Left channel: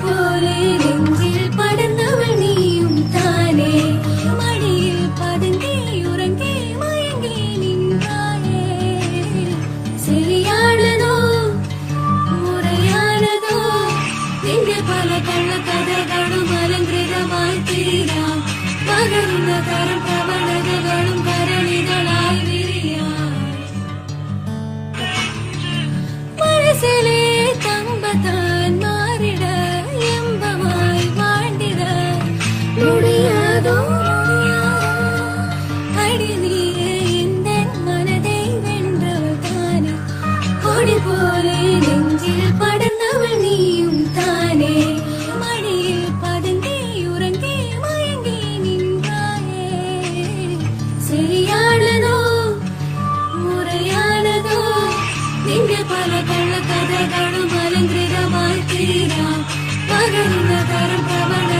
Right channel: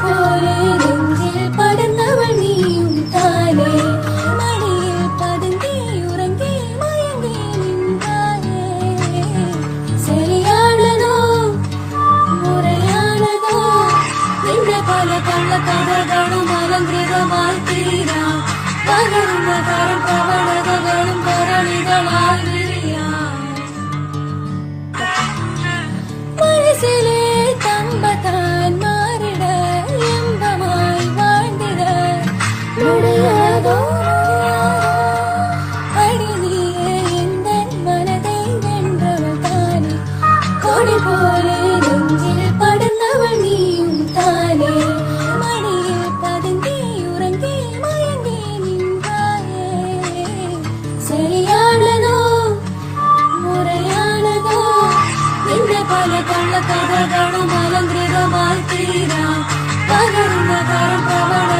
போலே நெஞ்சில் படுந்தவள் நீயும் தானே மடியில் பதுங்கி உறங்கி மயங்கி நின்றாயே சரியானதோ முறையானதோ என்ற பல கள்ள கதைகளும் அலங்கிரமாய் தீரா பகர்ந்த கரம் பவனகளும் கரணிகளாய் மனசிலே தம்பத்தான் மாறிட இன்பமாய் வாழ்ந்திட முடியாதோ அடிமையே இந்த மனதை வென்றவள் தானே கொடி போலே நெஞ்சில் படுந்தவள் நீயும் தானே மடியில் பதுங்கி உறங்கி மயங்கி நின்றாயே சரியானதோ முறையானதோ என்ற பல கள்ள கதைகளும் அலங்கிரமாய் தீரா பகர்ந்த கரம் பவன